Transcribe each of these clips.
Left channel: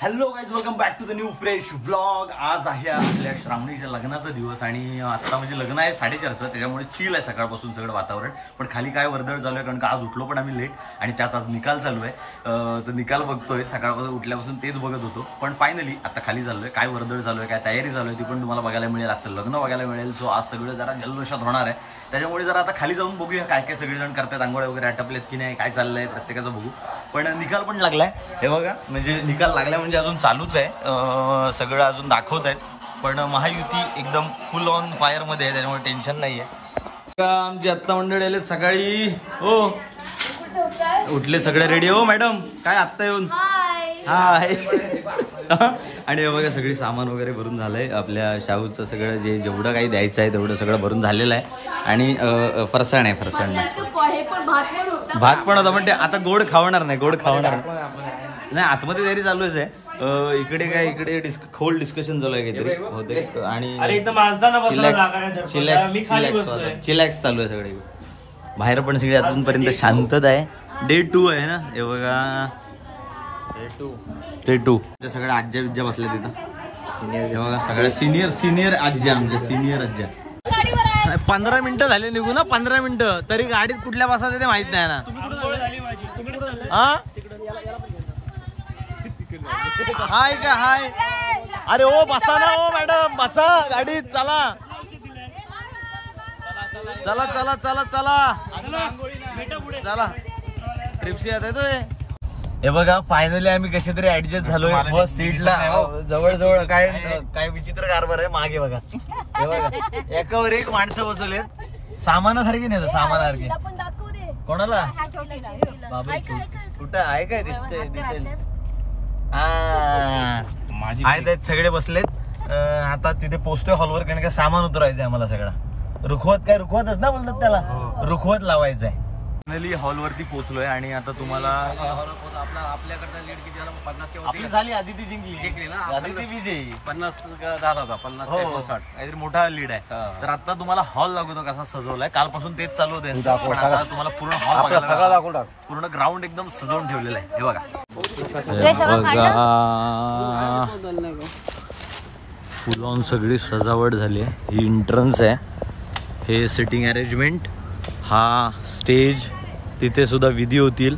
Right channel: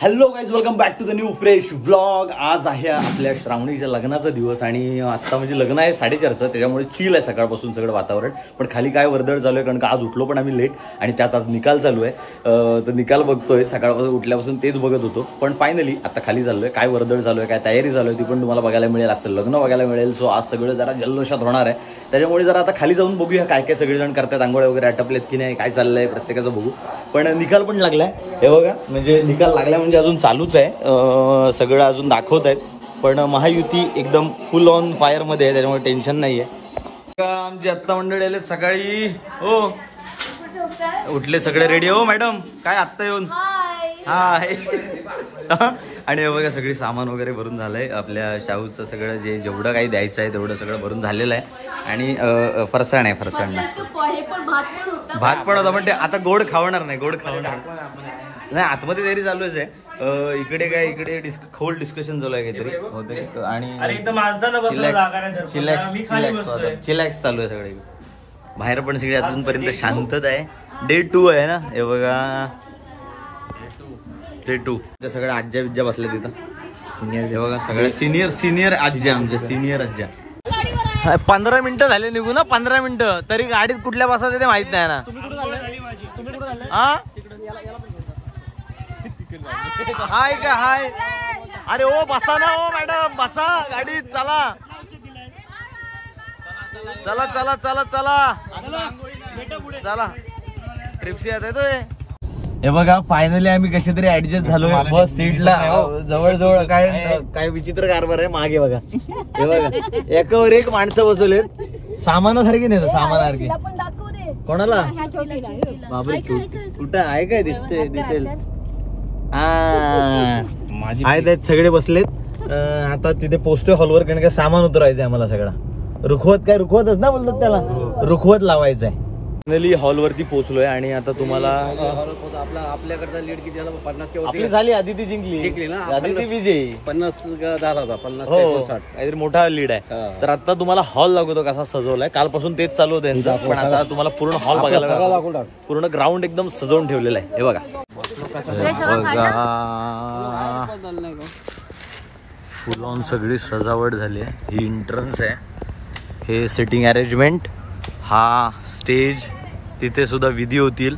Hello guys, welcome back to the new fresh vlog. आज आहे आपल्या श्रावणीच्या लग्नाचा दिवस आणि आता म्हणजे लग्न आहे 4:30चं, त्याच्यामुळे चिल आहे सकाळपासून सगळं वातावरण. पण खाली काय वर्दळ चालू आहे कारण का आज उठलो पण आम्ही लेट आणि त्यात आज निकाल चालू आहे. तर निकाल बघतोय, सकाळपासून उठल्यापासून तेच बघत होतो. पण फायनली आता खाली चाललोय. काय वर्दळ चालू आहे, काय तयारी चालू आहे ती पण तुम्हाला बघायला मिळेल. आजचं लग्न बघायला मिळेल. सो आज सगळं जरा जल्लोषात होणार आहे. त्याच्यामुळे जरा आता खाली जाऊन बघूया काय काय सगळेजण करतात, आंघोळ्या वगैरे आटपलेत की नाही, काय चाललंय प्रत्येकाचं बघू. पण निकाल पण लागलाय हे बघा, म्हणजे निकाल लागलाय म्हणजे अजून चालूच आहे. सगळं अजून दाखवत आहेत. पण महायुती एकदम फुल ऑन फायर मध्ये आहे, त्याच्यामुळे टेन्शन नाहीये. आमची आत्ता मंडळी आलेत सकाळी. हो उठले सगळे रेडी. हो मॅडम काय आत्ता येऊन हाय. आणि हे बघा सगळी सामान वगैरे भरून झालंय. आपल्या शाहूचं सगळं जेवढं काही द्यायचं आहे तेवढं सगळं भरून झालेलं आहे. आणि फरसाण आहे, फरसाण भात पण होता. पण ते आता गोड खावणार नाही, गोड खावणार नाही. आतमध्ये तयारी चालूच आहे. इकडे काय इकडे खोल डिस्कशन चालू आहे काहीतरी होते आणि चिलॅक्स चालू आहे सगळे. बाहेर पण सगळे अजूनपर्यंत शांतता आहे. डे 2 आहे ना हे बघा, डे 2. सगळ्या आज्या विज्या बसल्या तिथं हे बघा, सगळ्या सिनियर आज्या, आमच्या सिनियर आज्या. 15 मिनिटं झाले निघू ना, 15 मिनिटं तरी गाडीत कुठल्या बसायचं ते माहित नाही ना. हा हाय का हाय. अरे ओ बसा ना, ओ मॅडम बसा गाडीत. चला चला चला चला चला चला, ट्रिपशी येत आहे. हे बघा फायनली आम्ही कशी तरी ऍडजस्ट झालोय बस सीटला. जवळ काय विचित्र कारभार आहे मागे बघा. हे बघा एकावर एक माणसं बसवलेत, सामानासारखी नाही सामानासारखी. कोणाला बाबा कुठं आहे काय दिसेल. आहेत सगळे बसलेत. आता तिथे पोहोचतोय हॉलवर कारण का सामान उतरायचंय मला सगळं. रुखवतच ना बोलतात त्याला, रुखवत लावायचं आहे. फायनली हॉलवरती पोहोचलोय आणि आता तुम्हाला आपल्याकडचा लीड किती झाला? 50 झाली. आदिती जिंकली ना, आदिती विजयी. 50 झाला होता, 50 काहीतरी मोठा लीड आहे. तर आता तुम्हाला हॉल दाखवतो कसा सजवलाय. कालपासून तेच चालू होतं, पण आता तुम्हाला पूर्ण हॉल बघायला, पूर्ण ग्राउंड एकदम सजवून ठेवलेलं आहे. हे बघा फुल ऑन सगळी सजावट झाली आहे. ही एंट्रन्स आहे, हे सिटिंग अरेंजमेंट, हा स्टेज, तिथे सुद्धा विधी होतील,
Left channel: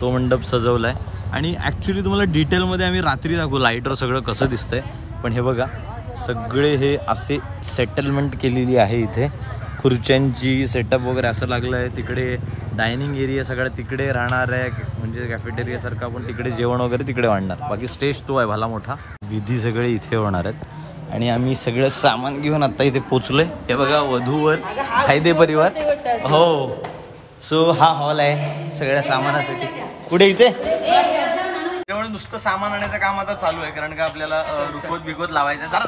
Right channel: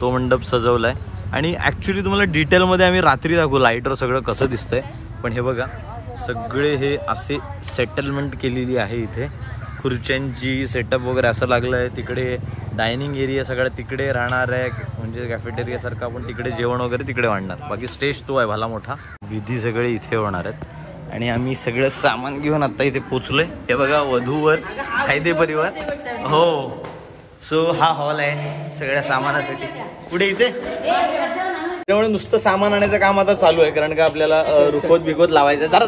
तो मंडप सजवलाय. आणि ॲक्च्युली तुम्हाला डिटेलमध्ये आम्ही रात्री दाखवू लाईटवर सगळं कसं दिसतंय. पण हे बघा सगळे हे असे सेटलमेंट केलेली आहे. इथे खुर्च्यांची सेटअप वगैरे असं लागलं आहे. तिकडे डायनिंग एरिया सगळं तिकडे राहणार आहे, म्हणजे कॅफेटेरिया सारखं. आपण तिकडे जेवण वगैरे तिकडे वाढणार. बाकी स्टेज तो आहे भला मोठा. विधी सगळे इथे होणार आहेत. आणि आम्ही सगळं सामान घेऊन आता इथे पोचलोय. हे बघा वधूवर खायदे परिवार. हो सो हा हॉल आहे सगळ्या सामानासाठी. कुठे इथे त्यामुळे नुसतं सामान आणायचं काम आता चालू आहे कारण का आपल्याला रुखवत बिखवत लावायचं. जरा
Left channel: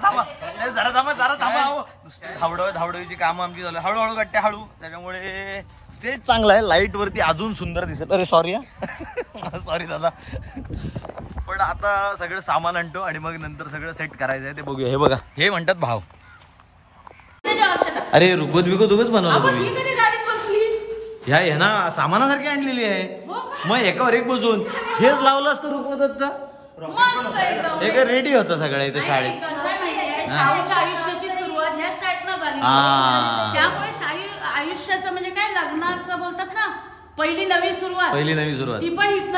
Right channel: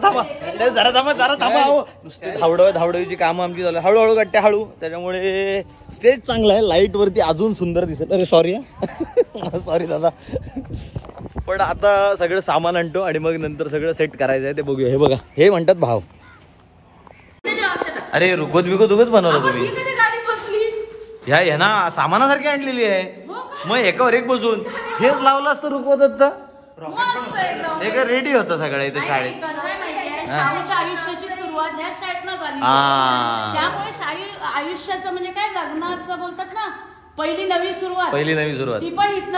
थांबा. नुसते धावडवीची कामं आमची चालू. हळूहळू गट्ट्या हळू. त्याच्यामुळे स्टेज चांगला आहे, लाईट वरती अजून सुंदर दिसेल. अरे सॉरी सॉरी दादा. पण आता सगळं सामान आणतो आणि मग नंतर सगळं सेट करायचं आहे, ते बघूया. हे बघा हे म्हणतात भाव. अरे रुखवत बिखवत उगच बनवलं तुम्ही. ह्या ना सामानासारखी आणलेली आहे. मग एकावर एक बसून हेच लावलं असतं रुखवत होतं. हे काय रेडी होतं सगळं इथं शाळेत. आयुष्याची सुरुवात ह्या शाळेतनं झाली. त्यामुळे आयुष्याचं म्हणजे काय लग्नाचं बोलतात ना, पहिली नवी सुरुवात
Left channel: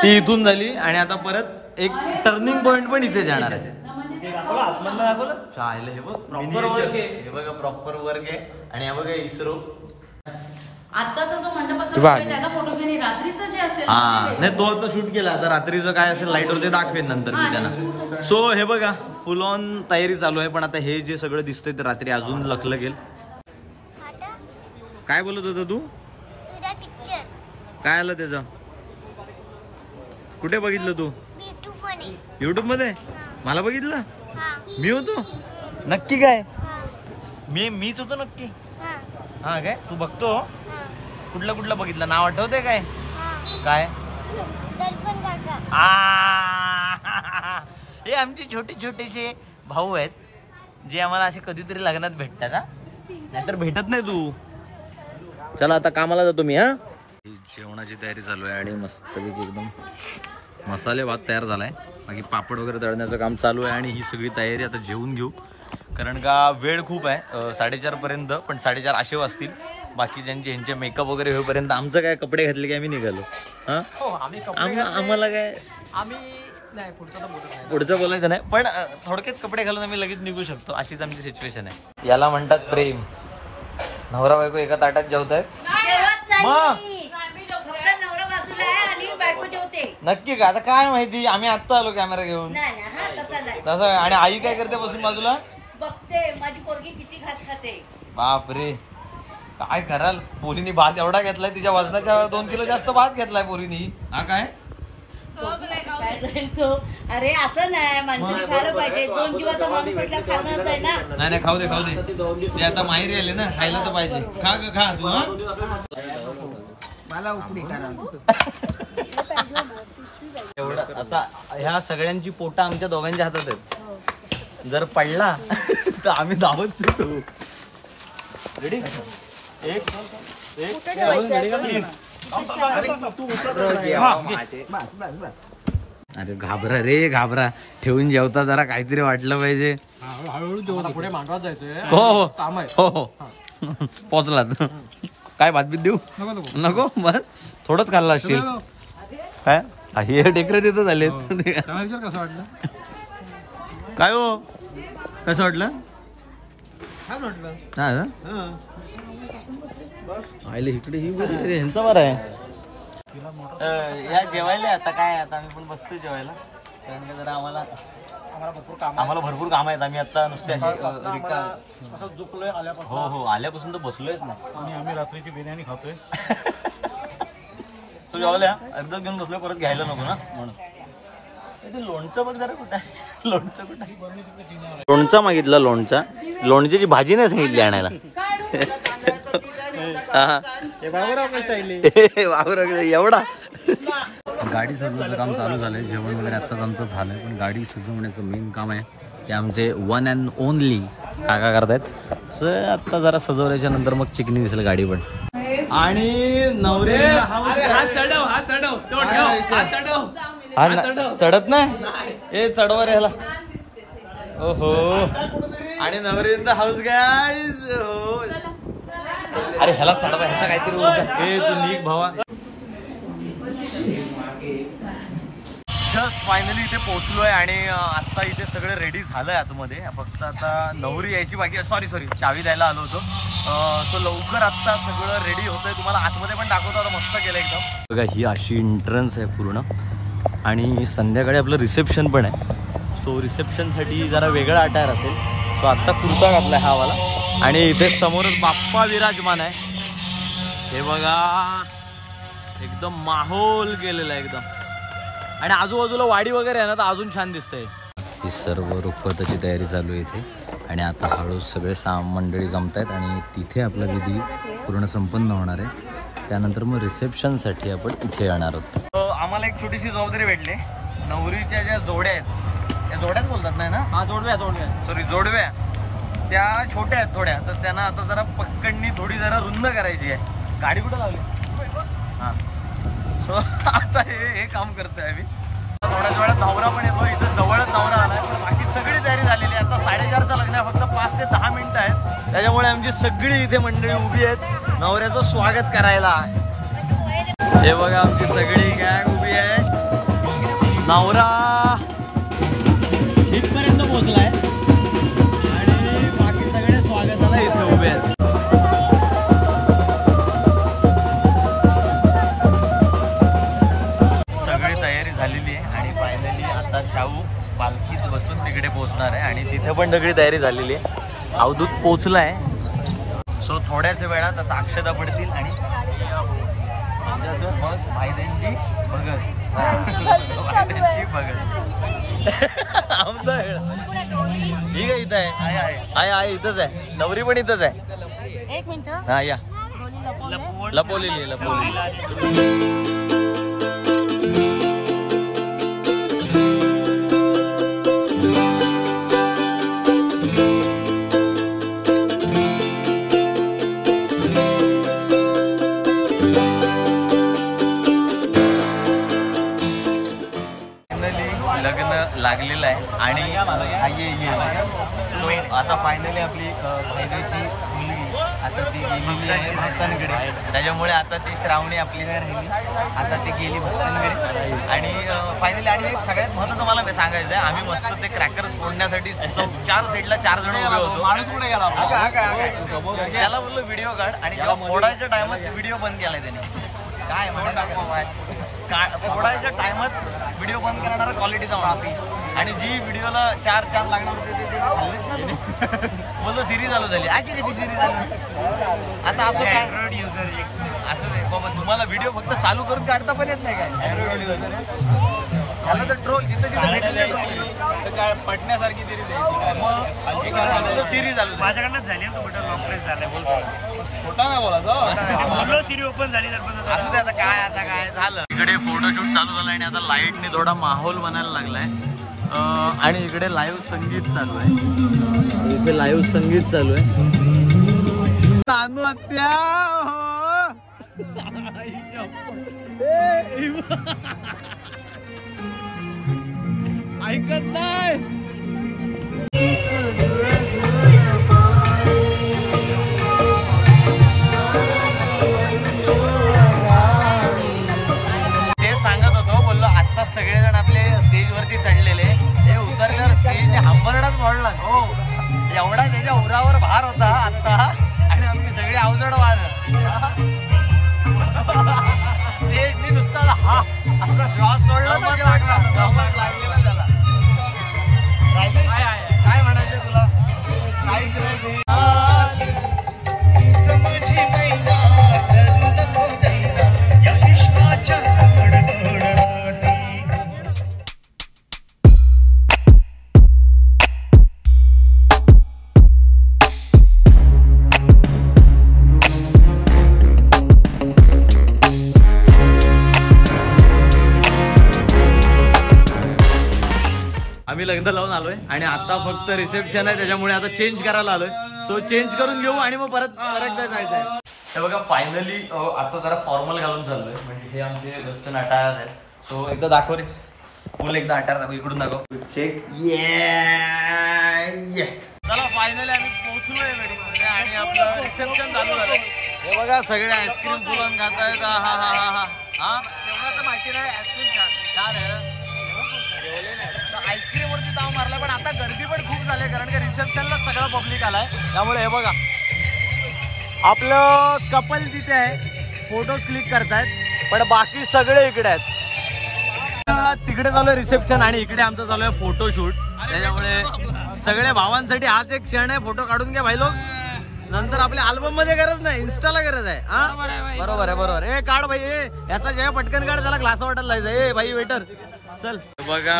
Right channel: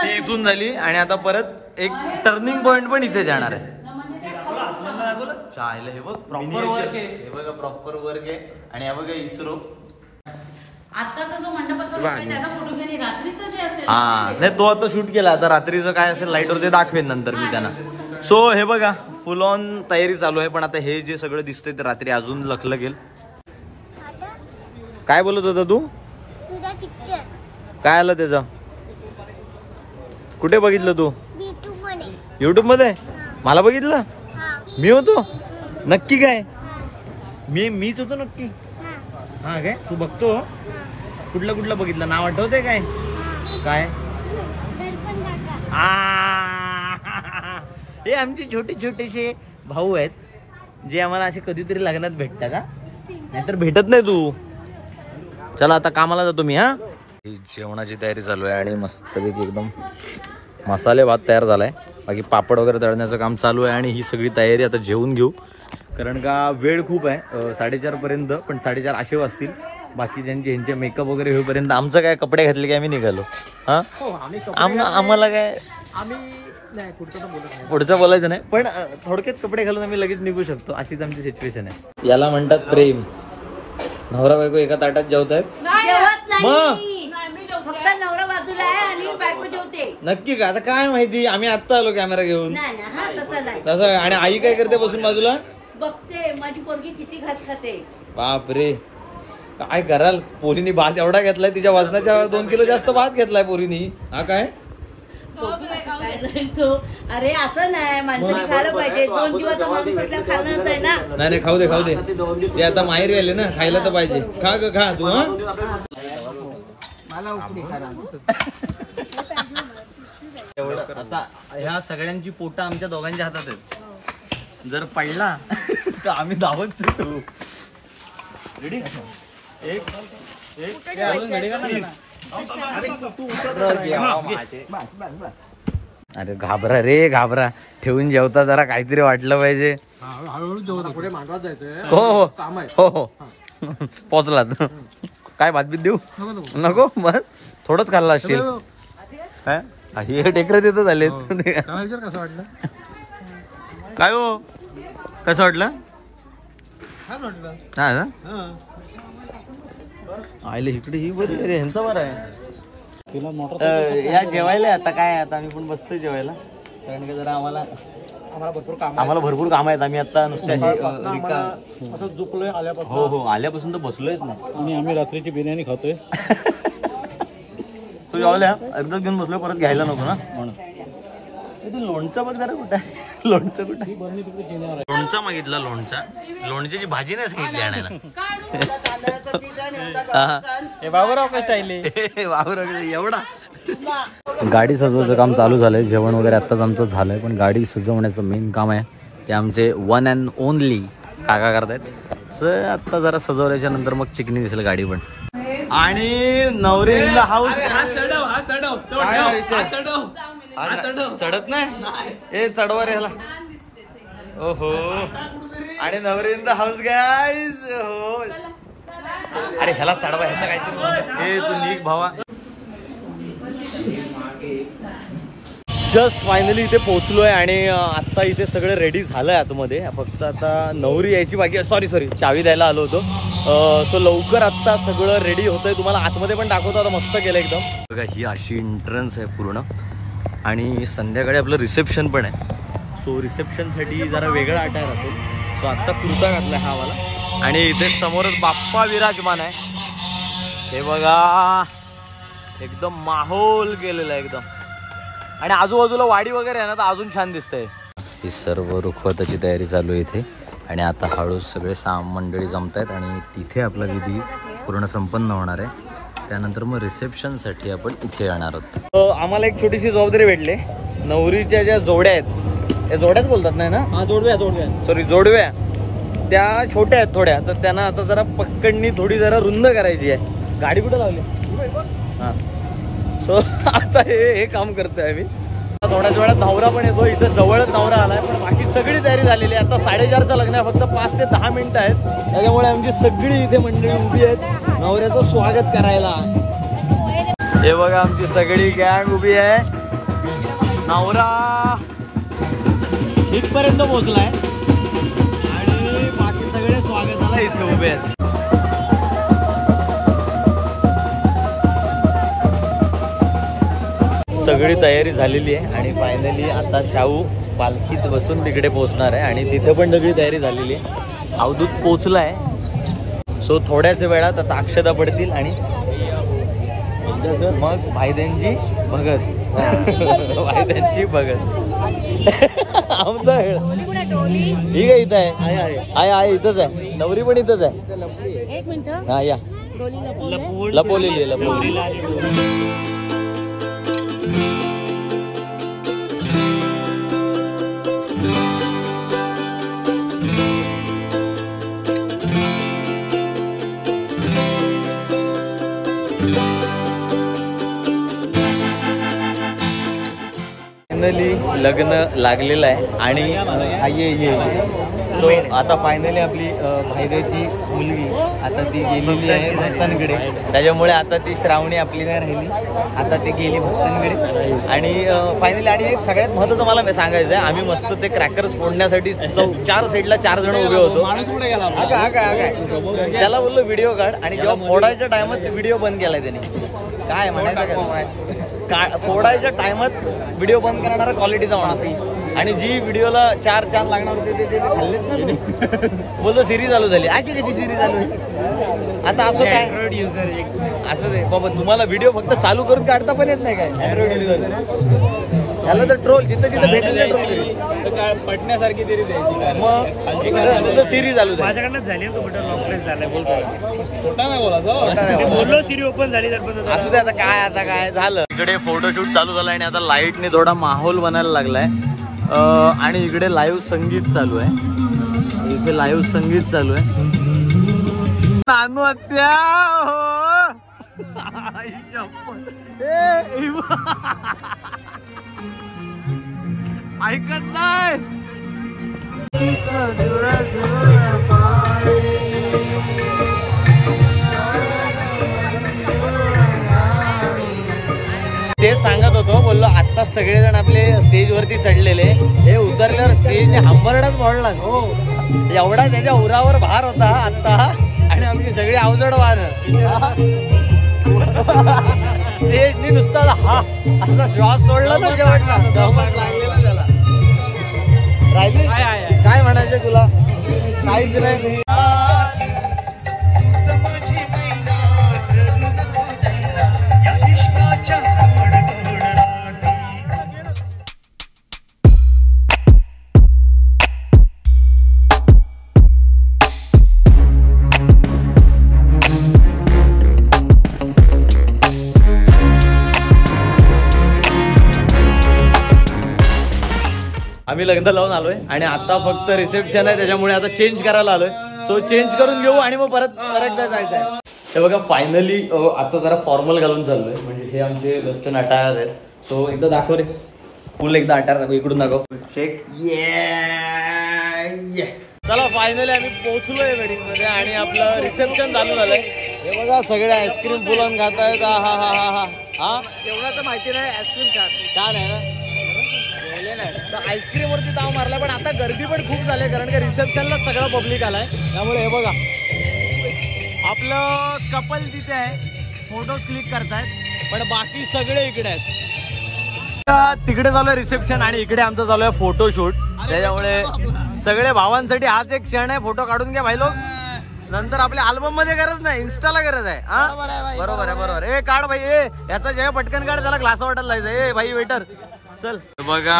ती इथून झाली. आणि आता परत एक टर्निंग पॉइंट पण इथे जाणार आहे. चायला हे बघ मिनिएचर्स, हे बघा प्रॉपर वर्क आहे. आणि हे बघा इस्रो. आताचा जो मंडपाचा त्याचा फोटो घेणे रात्रीचं जे असेल नाही तो आता शूट केला. आता रात्रीचं काय असेल लाईटवर ते दाखवेन नंतर मी त्यांना. सो हे बघा फुल ऑन तयारी चालू आहे. पण आता हे जे सगळं दिसतंय ते रात्री अजून लखलखेल. काय बोलत होता तू? काय आलं त्याचं? कुठे बघितलं तू? युट्यूब मध्ये. मला बघितलं? मी होतो नक्की? काय मीच होतो नक्की? हा काय तू बघतो? कुठलं बघितलं? नाव आठवतंय काय? हे आमचे छोटेसे भाऊ आहेत जे आम्हाला असे कधीतरी लग्नात भेटतात. का नाहीतर भेटत नाही तू. चला आता कामाला जातो मी. हा जेवणाची तयारी चालू आहे आणि मस्तपैकी एकदम मसाले भात तयार झालाय. बाकी पापड वगैरे तळण्याचं काम चालू आहे आणि ही सगळी तयारी आता जेवून घेऊ, कारण का वेळ खूप आहे 4:30पर्यंत, पण 4:30 असे वाजतील. बाकी ह्यांचे मेकअप वगैरे होईपर्यंत आमचं काय कपडे घातले की आम्ही निघालो. हां आम्हाला काय आम्ही नाही पुढचं बोलायचं नाही, पण थोडक्यात कपडे घालून आम्ही लगेच निघू शकतो, अशीच आमची सिच्युएशन आहे. याला म्हणतात प्रेम. नवरा बायको एका ताटात जेवतायत. मग नक्की का? आता काय माहिती, आम्ही आत्ता आलो कॅमेरा घेऊन. तसं आणि आई काय करते बसून बाजूला बघते माझी पोरगी किती घास खाते. बापरे, काय कराल. पोरीनी भात एवढा घेतलाय, तिच्या वजनाच्या 2 किलो जास्त भात घेतलाय पोरीनी. हा काय तो? अरे असं नाही, माणसाने खायला पाहिजे. 2 दिवसाचा माणूस असल्या खाल्लं आहे ना. नाही खाऊ दे ते आता माहेरी आले ना, खायला तर पाहिजे. खा ग खा तू. हा मला उकडी करा. एवढं आता ह्या सगळ्यांची पोटा आमच्या दोघांच्या हातात आहेत. जर पडला तर आम्ही धावत सुटू. रेडी? अरे घाबरा रे घाबरा, ठेवून जेवता जरा काहीतरी वाटलं पाहिजे. पुढे मांडवात जायचंय. हो हो पोचलात. काय भातबीत देऊ नको, बस थोडंच खाल्ला असशील. काय हे टेकरे तिथं झाले. कसं वाटलं? काय हो कसं वाटलं? छान वाटलं. हा आईले इकडे ही बरं ह्यांचा बरं आहे. या जेवायला आता काय, आता आम्ही पण बसतोय जेवायला, कारण की जरा आम्हाला भरपूर काम आहेत. आम्ही आता नुसते असं झोपलोय आल्यापासून. हो आल्यापासून तर बसलोयच नाही. आम्ही रात्रीची बिर्याणी खातोय. तू जेवायला अर्धा घेऊन बसलोय, परत घ्यायला नको ना म्हणून. लोणचं बघ जरा कुठं आहे. लोणचं कुठं? लोणचं मागितलं. लोणच्याची भाजी नाही सांगितली आणायला. एवढा गाडी सजवायचं काम चालू झालंय. जेवण वगैरे आत्ताच आमचं झालंय, पण गाडी सजवण्याचं मेन काम आहे ते आमचे वन अँड ओनली काका करतायत. आत्ता जरा सजवल्याच्या नंतर मग चिकनी दिसेल गाडी पण. आणि नवरीला हाऊस चढत नाही. ए चढवा रे ह्याला. ओहो, आणि नवरीन हाऊस गाईज. हो अरे ह्याला चढवा, ह्याचा काहीतरी. हे तू निघ भावा. जस्ट फायनली इथे पोहोचलोय आणि आता इथे सगळं रेडी झालंय आतमध्ये. फक्त आता नवरी यायची बाकी. सॉरी चावी द्यायला आलो होतो. सो लवकर आता सगळं रेडी होतंय. तुम्हाला आतमध्ये पण दाखवतो आता. मस्त केलं एकदम. बघा ही अशी एंट्रन्स आहे पूर्ण, आणि संध्याकाळी आपलं रिसेप्शन पण आहे. सो रिसेप्शनसाठी जरा वेगळा अटायर असेल. सो आत्ता कुर्ता घातलाय हा वाला, आणि इथे समोरच बाप्पा विराजमान आहे. हे बघा एकदम माहोल केलेला आहे एकदम, आणि आजूबाजूला वाडी वगैरे आहे ना, तर अजून छान दिसतंय. ही सर्व रुखवताची तयारी चालू आहे इथे, आणि आता हळू सगळे मंडळी जमतायत आणि तिथे आपला विधी पूर्ण संपन्न होणार आहे. त्यानंतर मग रिसेप्शनसाठी आपण इथे येणार आहोत. आम्हाला एक छोटीशी जबाबदारी भेटली. नवरीच्या ज्या जोड्या आहेत, या जोड्याच बोलतात नाही ना? हा जोडव्या सॉरी जोडव्या, त्या छोट्या आहेत थोड्या, तर त्यांना आता जरा पक्कडणी थोडी जरा रुंद करायची आहे. गाडी कुठं लावली? हां, सो आता हे काम करतोय आम्ही. थोड्याच वेळात नवरा पण येतो. इथं जवळच नवरा आलाय, पण बाकी सगळी तयारी झालेली आहे. आता 4:30चं लग्न आहे, फक्त 5 ते 10 मिनिटं आहेत. त्याच्यामुळे आमची सगळी इथे मंडळी उभी आहेत नवऱ्याचं स्वागत करायला. हे बघा आमची सगळी गँग उभी आहे. नवरा इथपर्यंत पोहोचलाय आणि बाकी सगळे स्वागताला इथे उभे आहेत. सगळी तयारी झालेली आहे आणि फायनली आता शाहू पालखीत बसून तिकडे पोहोचणार आहे, आणि तिथे पण सगळी तयारी झालेली आहे. अवधूत पोहोचलाय. सो थोड्याच वेळात आता अक्षता पडतील आणि मग भाईद्यांची भगत. भाईद्यांची भगत आमचा वेळ ही काय इथं आहे इथंच आहे. नवरी पण इथंच आहे. एक मिनिट. हा या. लपवलेली लग्न लागलेलं आहे आणि ये सो आता फायनली आपली भाईदेवची मुलगी आता ती गेलेली आहे भक्तांकडे, त्याच्यामुळे आता ती श्रावणी आपली नाही राहिली, आता ती गेली भक्तांकडे. आणि फायनली आणि एक सगळ्यात महत्त्वाचं मला सांगायचं आहे, आम्ही मस्त ते क्रॅकर्स फोडण्यासाठी 4 साईडला 4 जण उभे होतो. माणूस पुढे गेला त्याला बोललो व्हिडिओ काढ, आणि जेव्हा फोडायच्या टायमात व्हिडिओ बंद केलाय त्याने. काय म्हणायचं, फोडायच्या टायमात व्हिडिओ बंद करणारा क्वालिटीचा माणूस. आणि जी व्हिडिओला 4 चांद लागणार होते ते खाल्लेच ना. बोलतो सिरीज चालू झाली, आजी कशी सिरीज चालू. आता असं काय असं दे बाबा, तुम्हाला व्हिडिओ फक्त चालू करून काढता पण येत नाही काय अँड्रॉइड व्हिडिओ. त्याला तर ट्रोल जिथं जिथं भेटेल ट्रोल पटण्यासारखी तरी द्यायची. मग सिरीज चालू माझ्याकडनं झाली, तो बटन लॉक प्रेस झालाय. बोलतो खोटा नाही बोलायचं, बोललो सिरी ओपन झाली तर असू दे. आता काय झालं, इकडे फोटोशूट चालू झालं आणि आता लाईटने थोडा माहोल बनायला लागलाय. आणि इकडे लाईव्ह संगीत चालू आहे, इथे लाईव्ह संगीत चालू आहे. नानू हत्या ऐकत नाही. ते सांगत होतो, बोललो आता सगळेजण आपले स्टेज वरती चढलेले, हे उतरल्यावर स्टेजने हंबरडाच मोडला. हो, एवढा त्याच्या उरावर भार होता आता, आणि आमची सगळी अवजड वार. स्टेजने नुसता हा असा श्वास सोडला तर लागलेला त्याला. राहिली काय म्हणायचं तुला, काहीच नाही. आम्ही लग्न लावून आलोय आणि आता फक्त रिसेप्शन आहे, त्याच्यामुळे आता चेंज करायला आलोय. सो चेंज करून घेऊ आणि मग परत जायचं आहे. हे बघा फायनली आता जरा फॉर्मल घालून चाललोय, म्हणजे हे आमचे वेस्टर्न अटायर आहेत. सो एकदा दाखव रे, फुल एकदा अटायर दाखव, इकडून दाखव, चेक. चला फायनली आम्ही पोहोचलोय वेडिंग मध्ये आणि आपलं रिसेप्शन चालू झालंय. हे बघा सगळे आईस्क्रीम फुलून खात आहेत. हा तेवढा तर माहिती नाही, आईस्क्रीम छान आहे ना. आईस्क्रीम वरती ताव मारला, पण आता गर्दी पण खूप झाली, कारण का रिसेप्शनला सगळं पब्लिक आलाय. त्यामुळे हे बघा आपलं कपल तिथे आहे, फोटोज क्लिक करतायत, पण बाकी सगळे इकडे आहेत. तिकडे चालू आहे रिसेप्शन आणि इकडे आमचं चालू आहे फोटोशूट. त्याच्यामुळे सगळे भावांसाठी हाच एक क्षण आहे, फोटो काढून घ्या भाई लोक. नंतर आपल्या अल्बम मध्ये गरज नाही, इन्स्टाला गरज आहे. हा बरोबर आहे, बरोबर. ए काढ भाई, ए याचा जेव्हा पटकन काढ, त्याला ग्लास वाटायला जायचं. ए भाई वेटर चल. बघा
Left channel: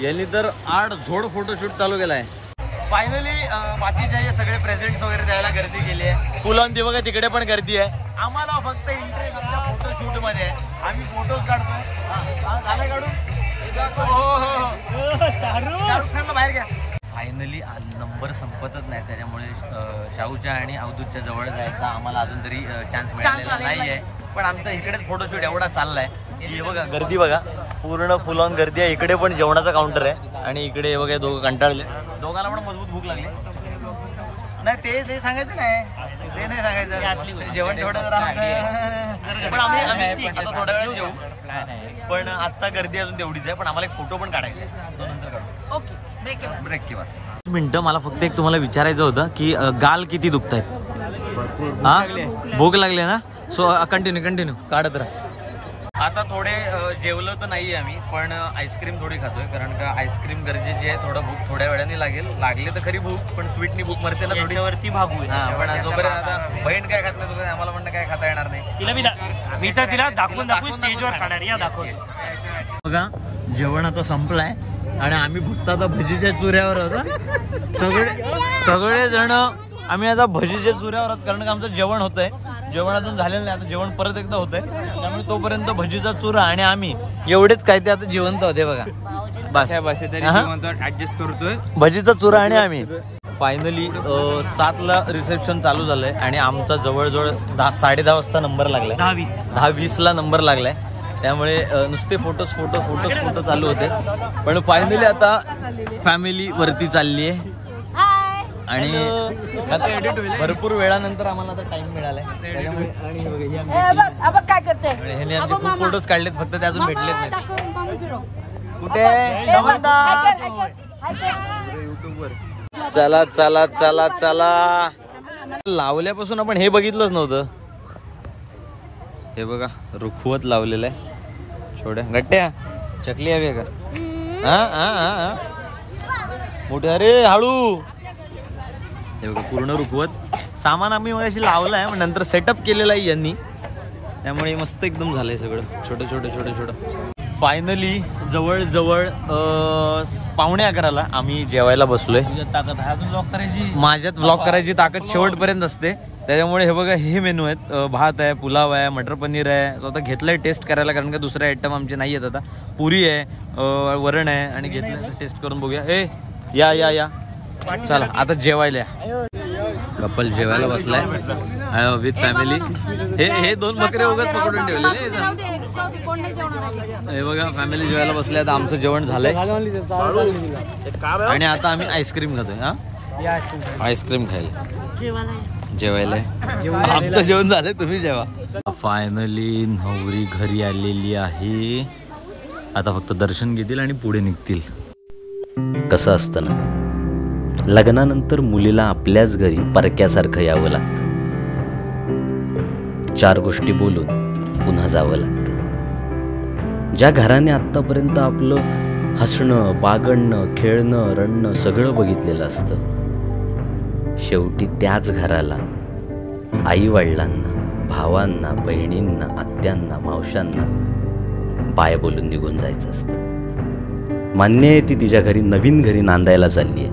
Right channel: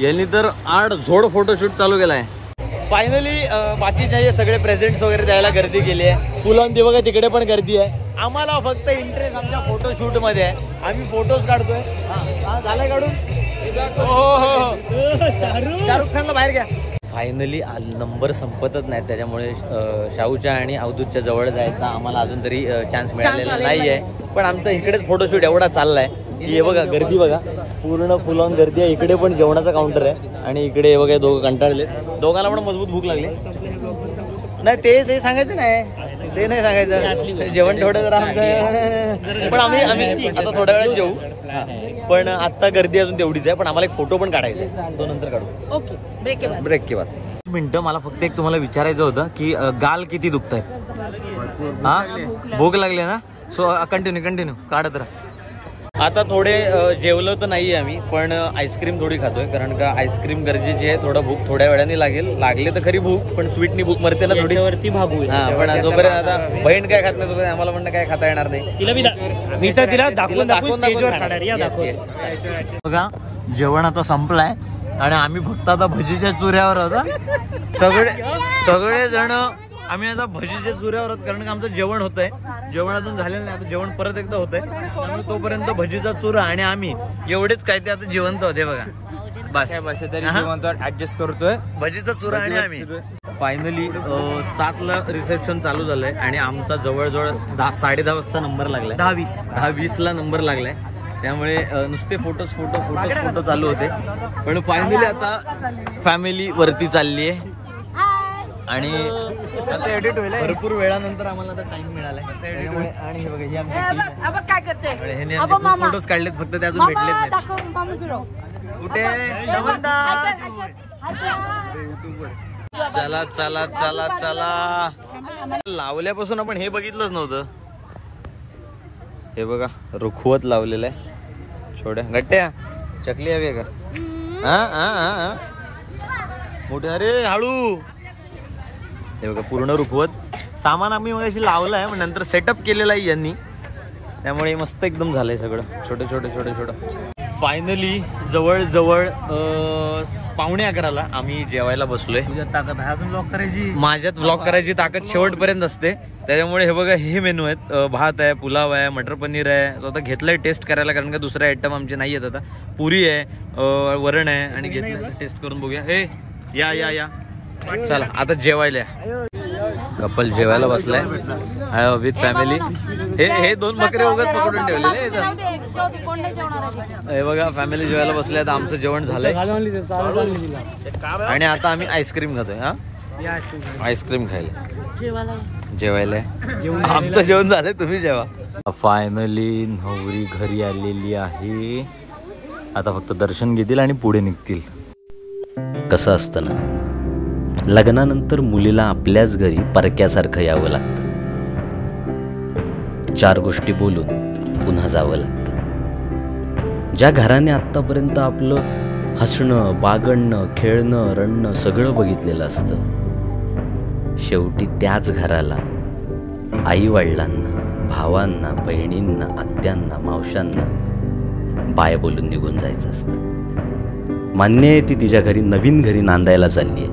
यांनी तर 8 झोड फोटोशूट चालू केलाय. फायनली बाकीचे सगळे प्रेझेंट्स वगैरे द्यायला गर्दी केली आहे. फुलांन ते बघा तिकडे पण गर्दी आहे. आम्हाला फक्त इंटरेस्ट आमच्या फोटोशूट मध्ये आहे, आम्ही फोटोज काढतोय. झालाय काढून, शाहरुख खानला बाहेर घ्या. फायनली नंबर संपतच नाही, त्याच्यामुळे शाहूच्या आणि अवधूतच्या जवळ जायचा आम्हाला अजून तरी चान्स मिळालेला नाहीये. पण आमचा इकडेच फोटोशूट एवढा चाललाय की हे बघा गर्दी बघा, पूर्ण फुल ऑन गर्दी आहे. इकडे पण जेवणाचा काउंटर आहे आणि इकडे बघा दोघं कंटाळले, दोघांना पण मजबूत भूक लागली. नाही ते सांगायचं नाही, ते नाही सांगायचं, जेवण थोडं जरा. पण आम्ही आता थोड्या वेळात जेवू, पण आता गर्दी अजून तेवढीच आहे. पण आम्हाला एक फोटो पण काढायचा आहे, तो नंतर काढू. ओके, ब्रेक के बाद. मिनिटं मला फक्त एक तुम्हाला विचारायचं होतं की गाल किती दुखत आहेत. हा भूक लागली ना. सो कंटिन्यू काढत राहा. आता थोडे जेवलं तर नाही आम्ही, पण आईस्क्रीम थोडी खातोय, कारण का आईस्क्रीम गरजेची आहे. थोडं भूक थोड्या वेळाने लागली तर खरी भूक, पण स्वीटनी भूक मरते ना थोडी वरती भागू. पण जोपर्यंत आता बहीण काय खात नाही तोपर्यंत आम्हाला म्हणणं काय खाता येणार नाही. मी तर तिला दाखवून स्टेजवर खाणार. या बघा जेवण आता संपलाय आणि आम्ही फक्त आता भजीच्या चुऱ्यावर होतो. सगळे जण आम्ही आता भजीच्या चुऱ्यावर आहोत, कारण का आमचं जेवण होतंय. जेवणातून झालेलं नाही, आता जेवण परत एकदा होतंय. त्यामुळे तोपर्यंत भजीचा चुरा आणि आम्ही एवढेच काय ते आता जिवंत होते बघा. बस ऍडजस्ट करतोय. भजीचा चुरा आणि आम्ही. फायनली 7ला रिसेप्शन चालू झालंय आणि आमचा जवळजवळ 10-10:30 वाजता नंबर लागलाय. 10:20 ला नंबर लागलाय. त्यामुळे नुसते फोटो चालू होते. पण फायनली आता फॅमिली वरती चालली आहे आणि एडिट होईल. भरपूर वेळानंतर आम्हाला आता टाइम मिळालाय त्याच्यामुळे खूप फोटोज काढलेत, फक्त ते अजून भेटलेच नाहीत. कुठे समंता? चला चला चला चला. लावल्यापासून आपण हे बघितलंच नव्हतं. हे बघा रुखवत लावलेलं आहे. छोट्या गट्ट्या चकली हवी का? हा मोठे. अरे हळू. हे बघा पूर्ण रुखवत. सामान आम्ही मग अशी लावलं आहे, पण नंतर सेटअप केलेलं आहे यांनी, त्यामुळे मस्त एकदम झालंय सगळं छोटं. फायनली जवळ 11:45 आम्ही जेवायला बसलोय. ताकद आहे अजून ब्लॉग करायची. माझ्यात ब्लॉग करायची ताकद शेवटपर्यंत असते. त्याच्यामुळे हे बघा हे मेनू आहेत. भात आहे, पुलाव आहे, मटर पनीर आहे. स्वतः घेतलंय टेस्ट करायला, कारण का दुसरे आयटम आमचे नाही आहेत आता. पुरी आहे, वरण आहे आणि घेतलंय टेस्ट करून बघूया. या चला आता जेवायला. कपल जेवायला बसलाय विथ फॅमिली. हे 2 बकरे उगाच पकडून ठेवलेले इथं. हे बघा फॅमिली जेवायला बसले. आता आमचं जेवण झालंय आणि आता आम्ही आईस्क्रीम खातोय. आईस्क्रीम खायला जेवायला. आमचं जेवण झालंय, तुम्ही जेवा. फायनली नवरी घरी आलेली आहे. आता फक्त दर्शन घेतील आणि पुढे निघतील. कसं असतं ना, लग्नानंतर मुलीला आपल्याच घरी परक्यासारखं यावं लागतं. 4 गोष्टी बोलून पुन्हा जावं लागतं. ज्या घराने आत्तापर्यंत आपलं हसणं, बागडणं, खेळणं, रडणं सगळं बघितलेलं असतं, शेवटी त्याच घराला आई-वडिलांना, भावांना, बहिणींना, आत्यांना, मावशांना बाय बोलून निघून जायचं असतं. मान्य आहे ती तिच्या घरी नवीन घरी नांदायला चालली आहे,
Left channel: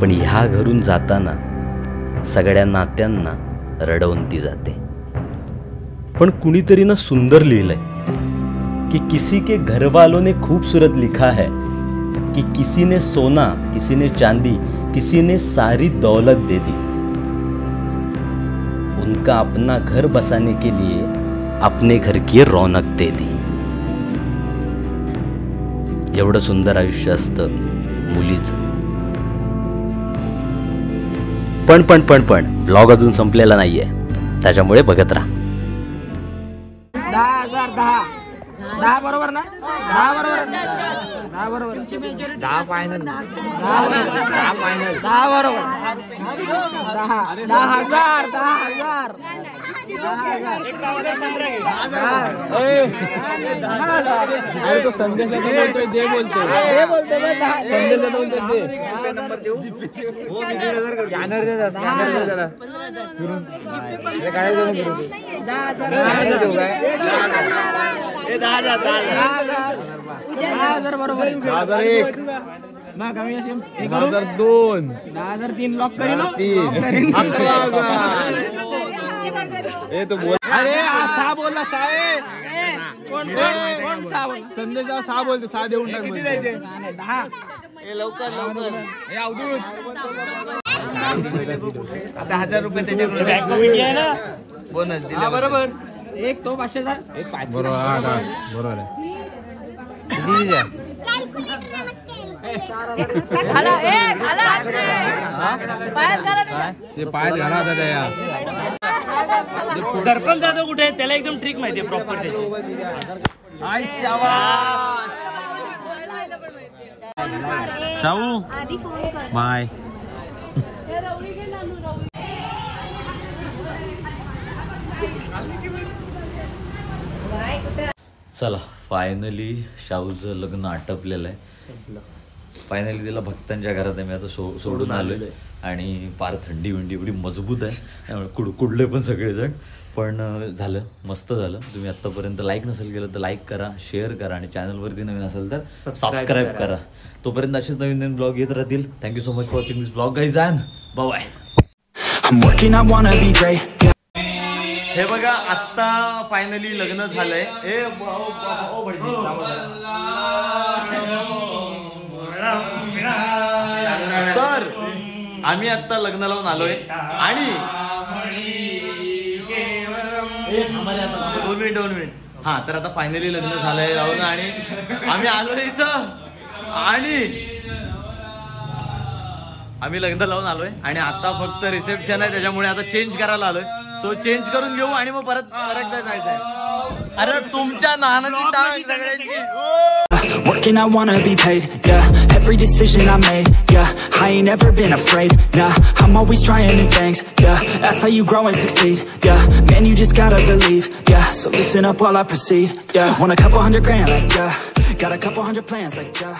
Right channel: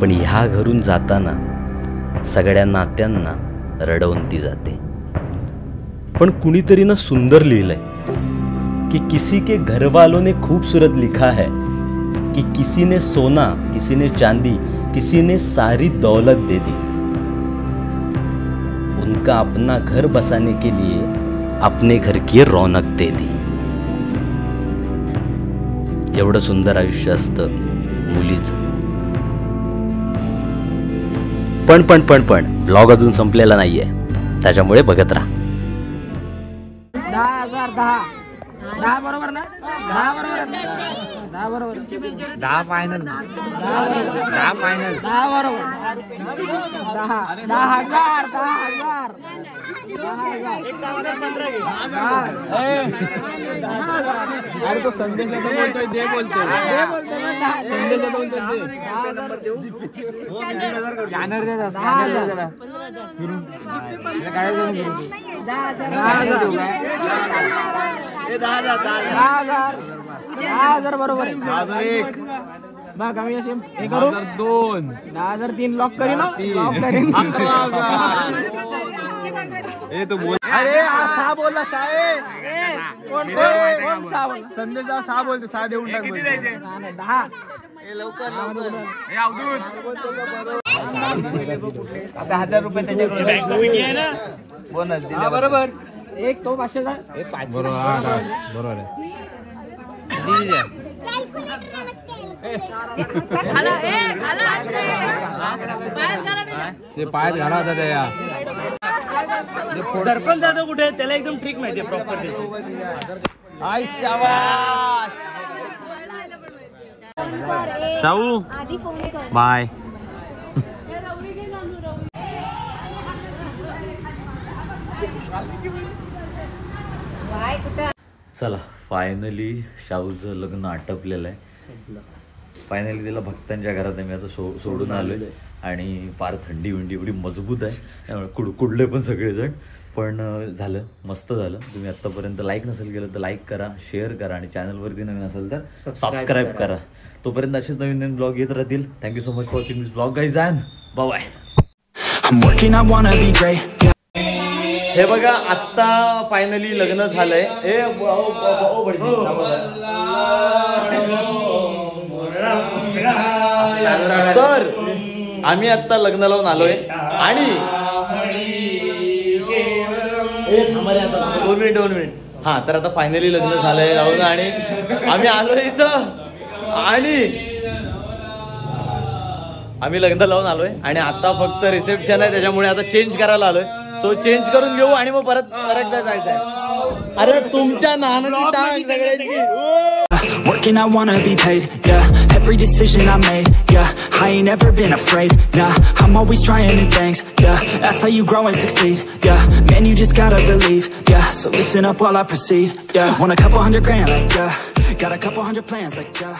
पण ह्या घरून जाताना सगळ्या नात्यांना रडवून ती जाते. पण कुणीतरी ना सुंदर लिहिलंय कि किसी के घर वालों ने खूबसूरत लिखा है कि किसी ने सोना, किसी ने चांदी, किसी ने सारी दौलत दे दी, उनका अपना घर बसाने के लिए अपने घर की रौनक दे दी. एवढं सुंदर आयुष्य असतं मुलीचं. पण ब्लॉग अजून संपलेला नाहीये, त्याच्यामुळे बघत राहा. 10 बरोबर ना? 10 बरोबर. 10 बरोबर. 10 फायनल. 10 बरोबर. 10,000. 10,000. अरे तो संदेश बोलतोय, दे बोलतोय. संदेश बोलतोय दे. नंबर देऊ. 10,000. 10,000 बरोबर. 10,001 ना कमी असेल. 10,002. 10,003 लॉक करीन. 11,000. अरे 6 बोलला. 6 कोण 6 बोल. संदेश 6 बोलतो. 6 देऊन टाक. 10 लवकर. आता 1,000 रुपये त्याच्याकडे बोनस दिला. बरोबर. एक तो 500चा. बरोबर आहे. पायात घाला होता त्या. दर्पण जाधव कुठे आहे? त्याला एकदम ट्रिक माहिती आहे प्रॉपर त्याची. शाहू बाय. चला फायनली शाहूचं लग्न आटपलेलं आहे. फायनली त्याला भक्तांच्या घरात मी आता सोडून आलोय आणि फार थंडी विंडी एवढी मजबूत आहे, त्यामुळे कुडले पण सगळेजण. पण झालं, मस्त झालं. तुम्ही आत्तापर्यंत लाईक नसेल केलं तर लाईक करा, शेअर करा आणि चॅनलवरती नवीन असेल तर सबस्क्राईब करा. तोपर्यंत असेच नवीन नवीन ब्लॉग येत राहतील. Thank you so much for watching this blog guys and bye. हे बघा आत्ता फायनली लग्न झालंय. तर आम्ही आत्ता लग्न लावून आलोय आणि 2 मिनिट हा तर आता फायनली लग्न झालंय जाऊन आणि आम्ही आलोय इथं आणि आम्ही लग्न लावून आलोय आणि आता फक्त रिसेप्शन आहे त्याच्यामुळे आता चेंज करायला आलोय. सो चेंज करून घेऊ आणि मग परत जायचंय. अरे तुमच्या Working, I wanna be paid, yeah. Every decision I made, yeah. I ain't never been afraid, nah. I'm always trying new things, yeah. That's how you grow and succeed, yeah. Man, you just gotta believe, yeah. So listen up while I proceed, yeah. Want a couple $100 grand, like, yeah. Got a couple hundred plans, like, yeah.